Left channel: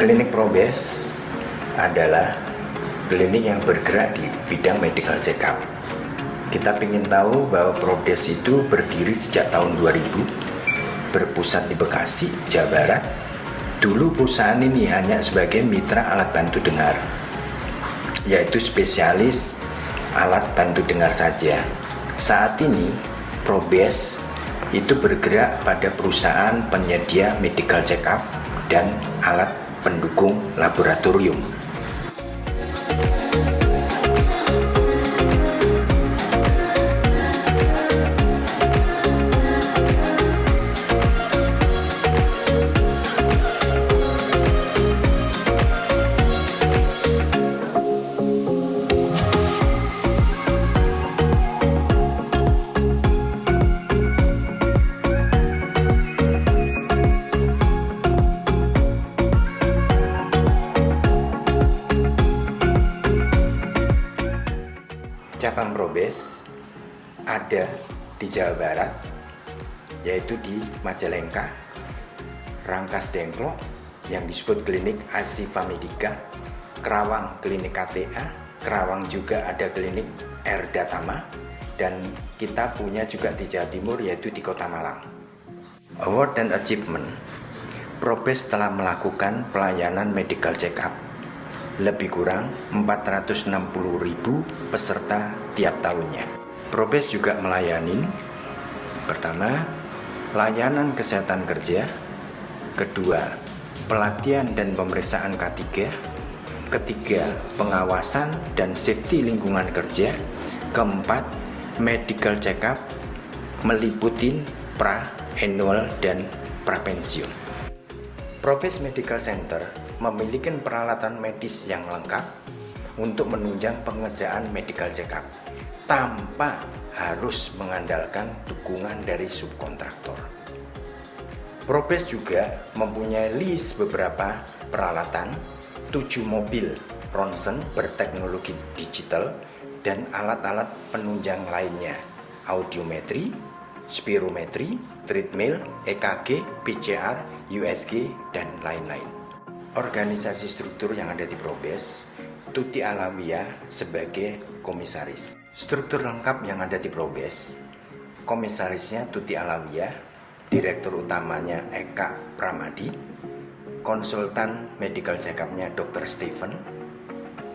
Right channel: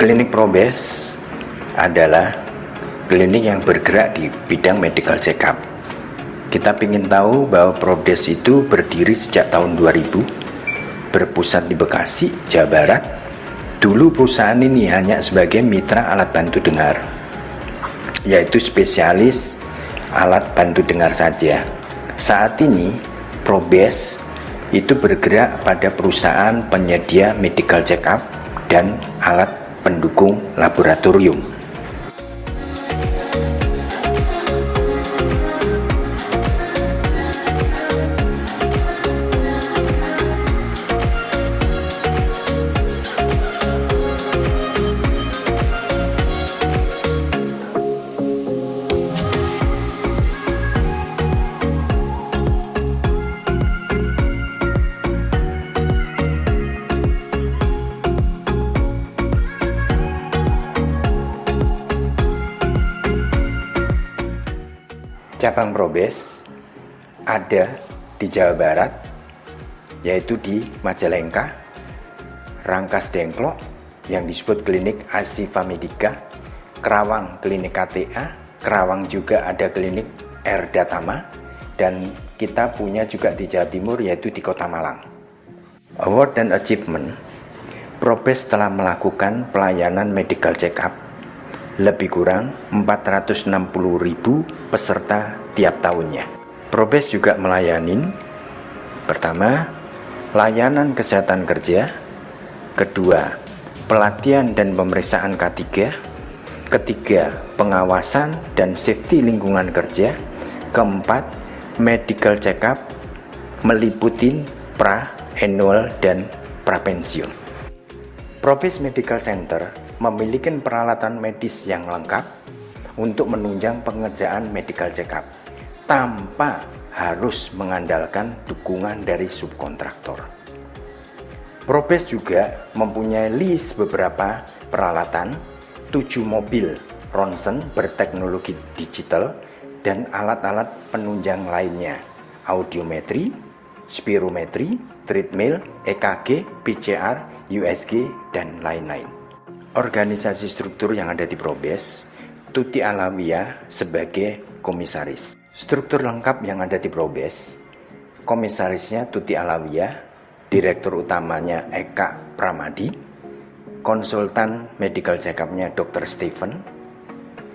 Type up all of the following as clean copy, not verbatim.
Klinik Probes adalah klinik yang bergerak di bidang medical check-up. Kita ingin tahu bahwa Probes itu berdiri sejak tahun 2000, berpusat di Bekasi, Jawa Barat. Dulu perusahaan ini hanya sebagai mitra alat bantu dengar, yaitu spesialis alat bantu dengar saja. Saat ini Probes itu bergerak pada perusahaan penyedia medical check-up dan alat pendukung laboratorium. Cabang Probes ada di Jawa Barat, yaitu di Majalengka, Rangkas Dengklok yang disebut klinik Asifa Medica, Kerawang klinik KTA, Kerawang juga ada klinik Erdatama, dan kita punya juga di Jawa Timur yaitu di Kota Malang. Award dan achievement, Probes telah melakukan pelayanan medical check-up lebih kurang 460.000 peserta tiap tahunnya. Probes juga melayani pertama, layanan kesehatan kerja, kedua, pelatihan dan pemeriksaan K3, ketiga, pengawasan dan safety lingkungan kerja, keempat, medical check-up meliputi pra, annual, dan prapensiun. Probes Medical Center memiliki peralatan medis yang lengkap untuk menunjang pengerjaan medical check-up tanpa harus mengandalkan dukungan dari subkontraktor. Probes juga mempunyai list beberapa peralatan, 7 mobil ronsen berteknologi digital dan alat-alat penunjang lainnya, audiometri, spirometri, treadmill, EKG, PCR, USG, dan lain-lain. Organisasi struktur yang ada di Probes, Tuti Alawiyah sebagai komisaris. Struktur lengkap yang ada di Probes, komisarisnya Tuti Alawiyah, direktur utamanya Eka Pramadi, konsultan medical check-up-nya Dr. Stephen,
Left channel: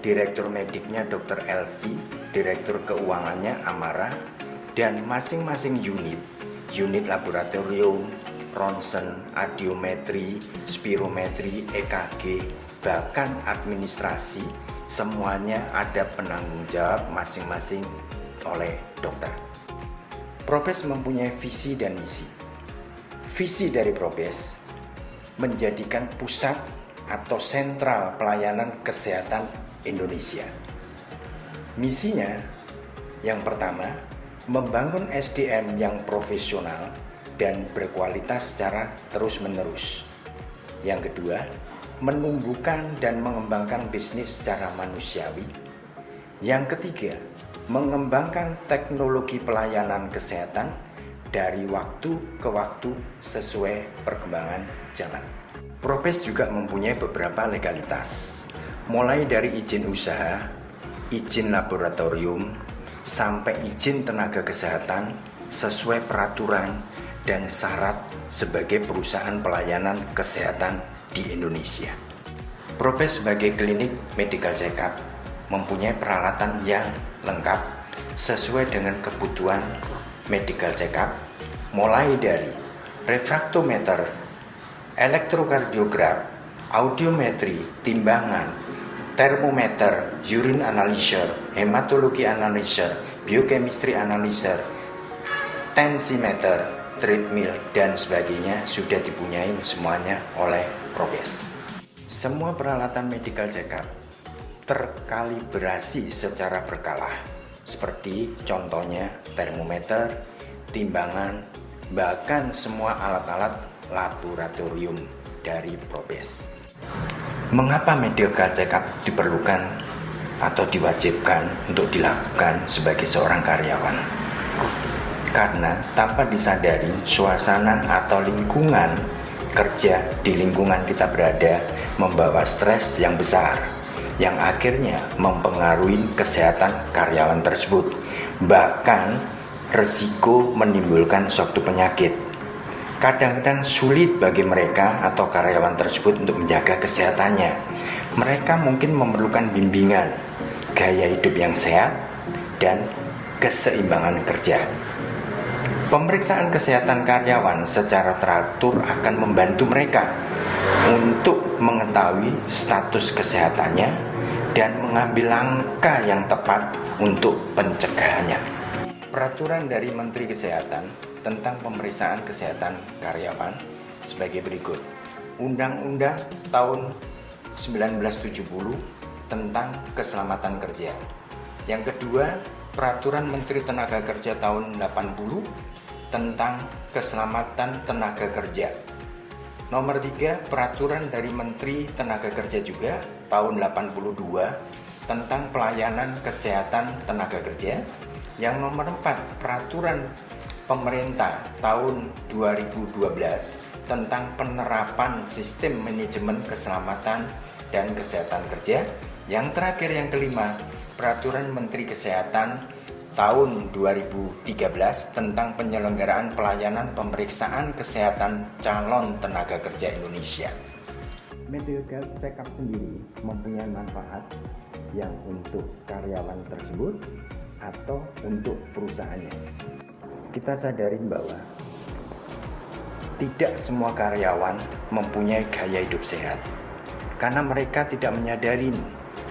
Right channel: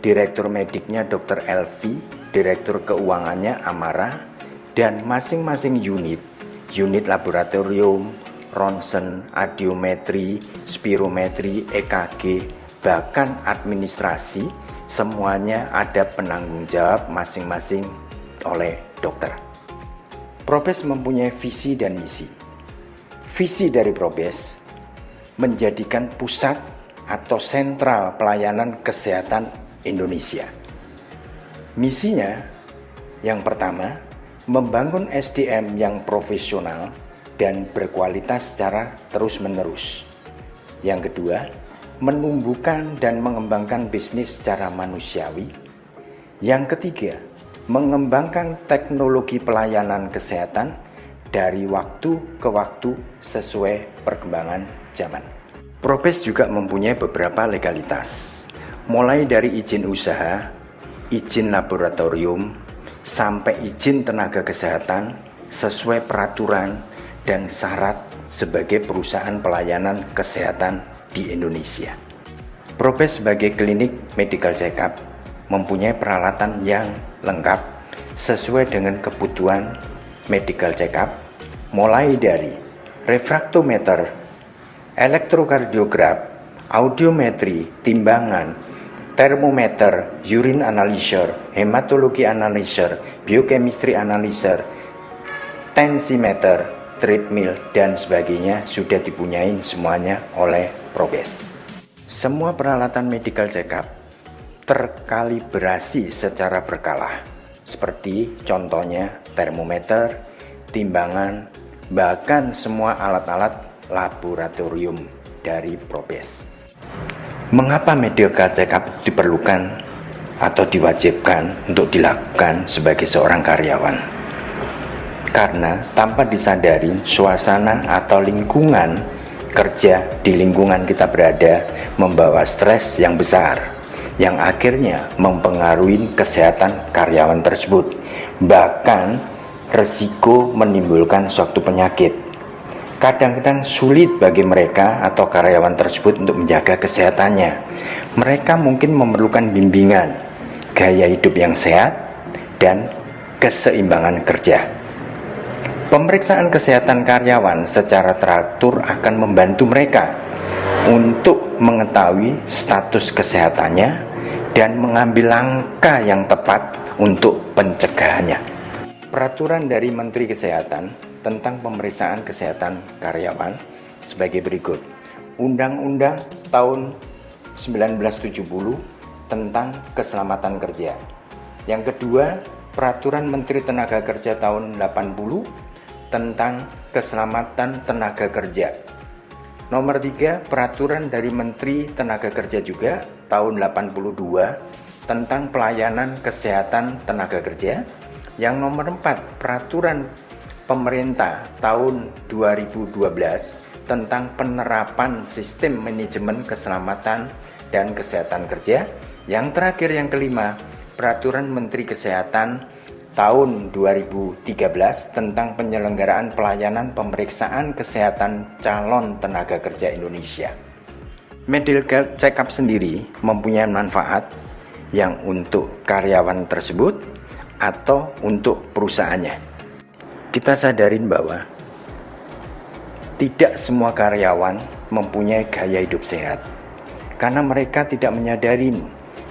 direktur mediknya Dr. Elvi, direktur keuangannya Amara, dan masing-masing unit laboratorium, ronsen, audiometri, spirometri, EKG, bahkan administrasi, semuanya ada penanggung jawab masing-masing oleh dokter. Probes mempunyai visi dan misi. Visi dari Probes menjadikan pusat atau sentral pelayanan kesehatan Indonesia. Misinya yang pertama, membangun SDM yang profesional dan berkualitas secara terus-menerus. Yang kedua, menumbuhkan dan mengembangkan bisnis secara manusiawi. Yang ketiga, mengembangkan teknologi pelayanan kesehatan dari waktu ke waktu sesuai perkembangan zaman. Probes juga mempunyai beberapa legalitas, mulai dari izin usaha, izin laboratorium, sampai izin tenaga kesehatan sesuai peraturan dan syarat sebagai perusahaan pelayanan kesehatan di Indonesia. Probes sebagai klinik medical check-up mempunyai peralatan yang lengkap sesuai dengan kebutuhan medical check-up, mulai dari refraktometer, elektrokardiograf, audiometri, timbangan, termometer, urine analyzer, hematologi analyzer, biochemistry analyzer, tensimeter, treadmill, dan sebagainya sudah dipunyai semuanya oleh Probes. Semua peralatan medical check-up terkalibrasi secara berkala, seperti contohnya termometer, timbangan, bahkan semua alat-alat laboratorium dari Probes. Mengapa medical check-up diperlukan atau diwajibkan untuk dilakukan sebagai seorang karyawan? Karena tanpa disadari suasana atau lingkungan kerja di lingkungan kita berada membawa stres yang besar, yang akhirnya mempengaruhi kesehatan karyawan tersebut, bahkan resiko menimbulkan suatu penyakit. Kadang-kadang sulit bagi mereka atau karyawan tersebut untuk menjaga kesehatannya. Mereka mungkin memerlukan bimbingan, gaya hidup yang sehat, dan keseimbangan kerja. Pemeriksaan kesehatan karyawan secara teratur akan membantu mereka untuk mengetahui status kesehatannya dan mengambil langkah yang tepat untuk pencegahannya. Peraturan dari Menteri Kesehatan tentang pemeriksaan kesehatan karyawan sebagai berikut. Undang-Undang tahun 1970 tentang keselamatan kerja. Yang kedua, Peraturan Menteri Tenaga Kerja tahun 80 tentang keselamatan tenaga kerja. Nomor 3, Peraturan dari Menteri Tenaga Kerja juga tahun 82 tentang pelayanan kesehatan tenaga kerja. Yang nomor 4, Peraturan Pemerintah tahun 2012 tentang penerapan sistem manajemen keselamatan dan kesehatan kerja. Yang terakhir, yang kelima, Peraturan Menteri Kesehatan tahun 2013 tentang penyelenggaraan pelayanan pemeriksaan kesehatan calon tenaga kerja Indonesia. Medical check-up sendiri mempunyai manfaat yang untuk karyawan tersebut atau untuk perusahaannya. Kita sadarin bahwa tidak semua karyawan mempunyai gaya hidup sehat, karena mereka tidak menyadari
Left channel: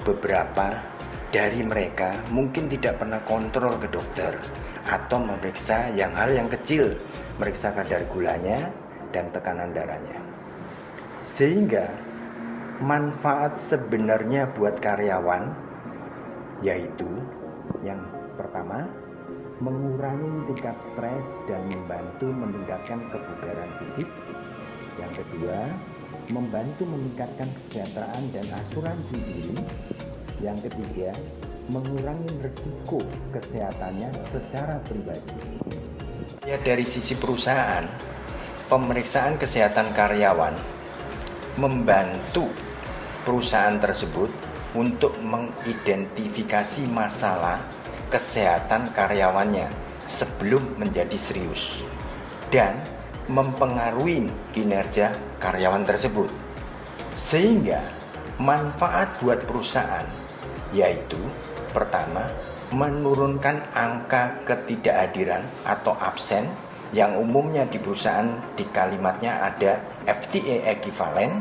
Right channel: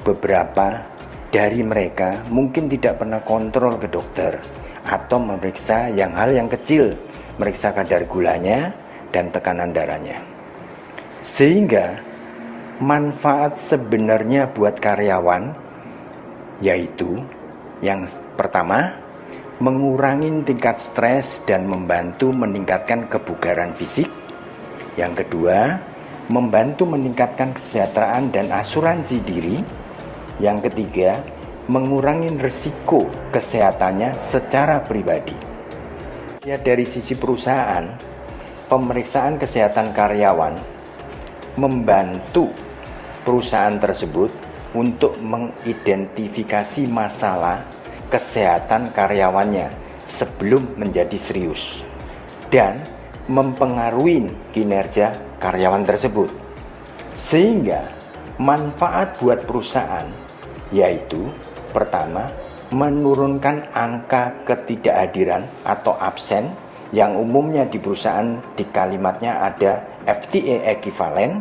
beberapa dari mereka mungkin tidak pernah kontrol ke dokter atau memeriksa hal yang kecil, meriksa kadar gulanya dan tekanan darahnya. Sehingga manfaat sebenarnya buat karyawan yaitu yang pertama, mengurangi tingkat stres dan membantu meningkatkan kebugaran fisik. Yang kedua, membantu meningkatkan kesejahteraan dan asuransi diri. Yang ketiga, mengurangi risiko kesehatannya secara pribadi. Ya, dari sisi perusahaan, pemeriksaan kesehatan karyawan membantu perusahaan tersebut untuk mengidentifikasi masalah kesehatan karyawannya sebelum menjadi serius dan mempengaruhi kinerja karyawan tersebut. Sehingga manfaat buat perusahaan yaitu pertama, menurunkan angka ketidakhadiran atau absen yang umumnya di perusahaan di kalimatnya ada FTA equivalent,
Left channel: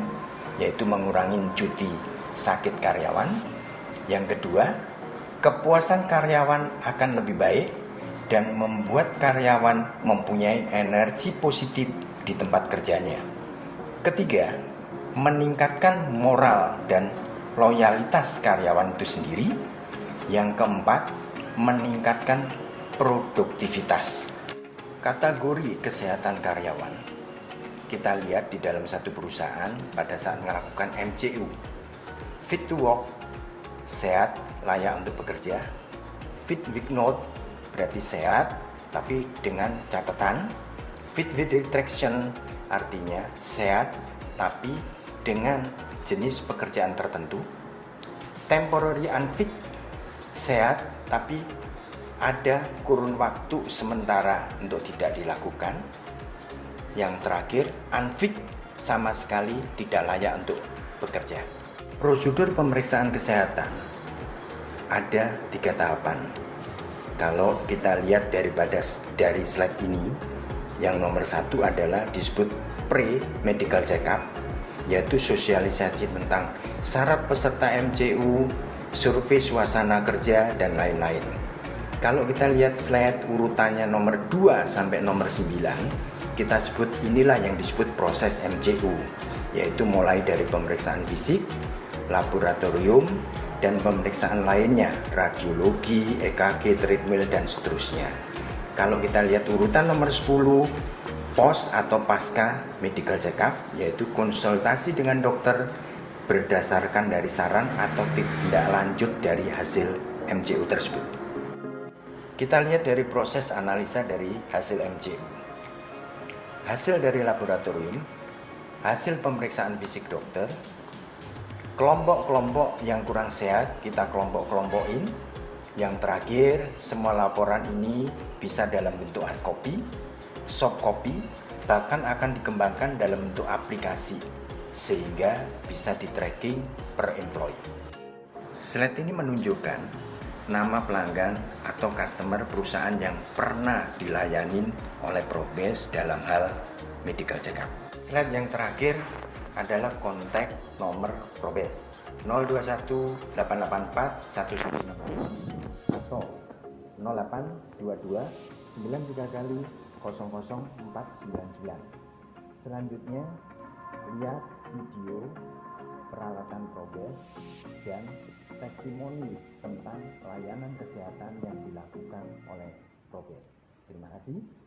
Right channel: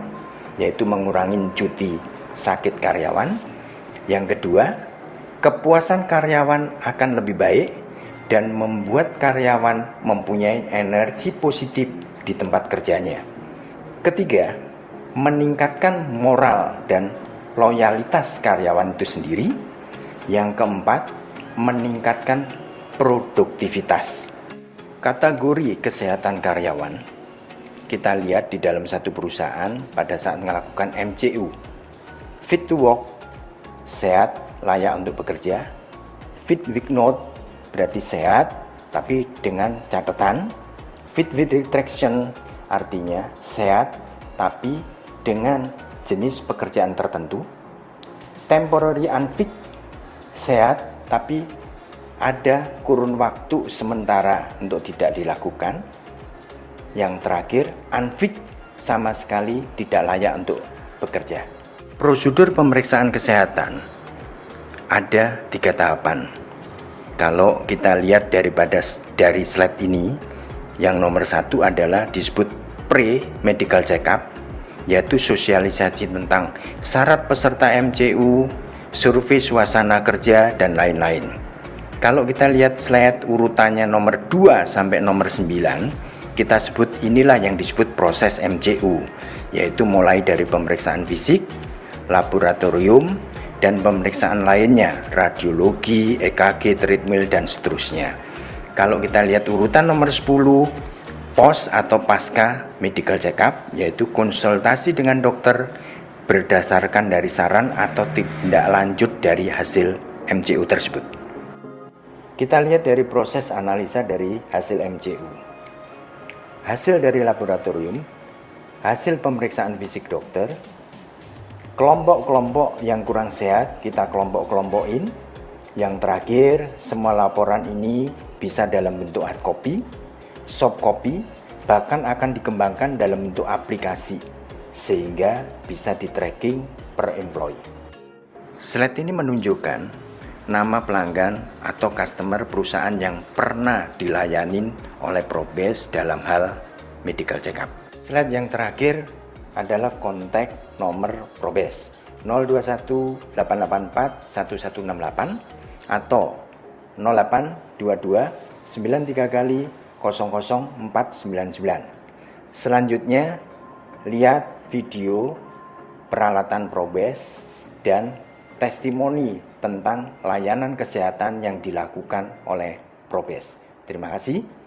yaitu mengurangi cuti sakit karyawan. Yang kedua, kepuasan karyawan akan lebih baik dan membuat karyawan mempunyai energi positif di tempat kerjanya. Ketiga, meningkatkan moral dan loyalitas karyawan itu sendiri. Yang keempat, meningkatkan produktivitas. Kategori kesehatan karyawan kita lihat di dalam satu perusahaan pada saat melakukan MCU. Fit to work, sehat, layak untuk bekerja. Fit with note, berarti sehat tapi dengan catatan. Fit with restriction, artinya sehat tapi dengan jenis pekerjaan tertentu. Temporary unfit, sehat tapi ada kurun waktu sementara untuk tidak dilakukan. Yang terakhir, unfit, sama sekali tidak layak untuk bekerja. Prosedur pemeriksaan kesehatan ada 3 tahapan. Kalau kita lihat dari slide ini, yang nomor 1 adalah disebut pre-medical check-up, yaitu sosialisasi tentang syarat peserta MCU, survei suasana kerja, dan lain-lain. Kalau kita lihat slide urutannya nomor 2 sampai nomor 9, kita sebut inilah yang disebut proses MCU, yaitu mulai dari pemeriksaan fisik, laboratorium, dan pemeriksaan lainnya, radiologi, EKG, treadmill, dan seterusnya. Kalau kita lihat urutan nomor 10, post atau pasca medical check-up, yaitu konsultasi dengan dokter berdasarkan dari saran atau tindak lanjut dari hasil MCU tersebut. Kita lihat dari proses analisa dari hasil MCU. Hasil dari laboratorium hasil pemeriksaan fisik dokter. Kelompok-kelompok yang kurang sehat kita kelompok-kelompokin. Yang terakhir, semua laporan ini bisa dalam bentuk hard copy, soft copy, bahkan akan dikembangkan dalam bentuk aplikasi sehingga bisa di tracking per employee. Slide ini menunjukkan nama pelanggan atau customer perusahaan yang pernah dilayanin oleh Probes dalam hal medical check up. Slide yang terakhir adalah kontak nomor Probes 021 884 1168 atau 0822 93 kali 00499. Selanjutnya lihat video peralatan Probes dan testimoni tentang layanan kesehatan yang dilakukan oleh Probes. Terima kasih.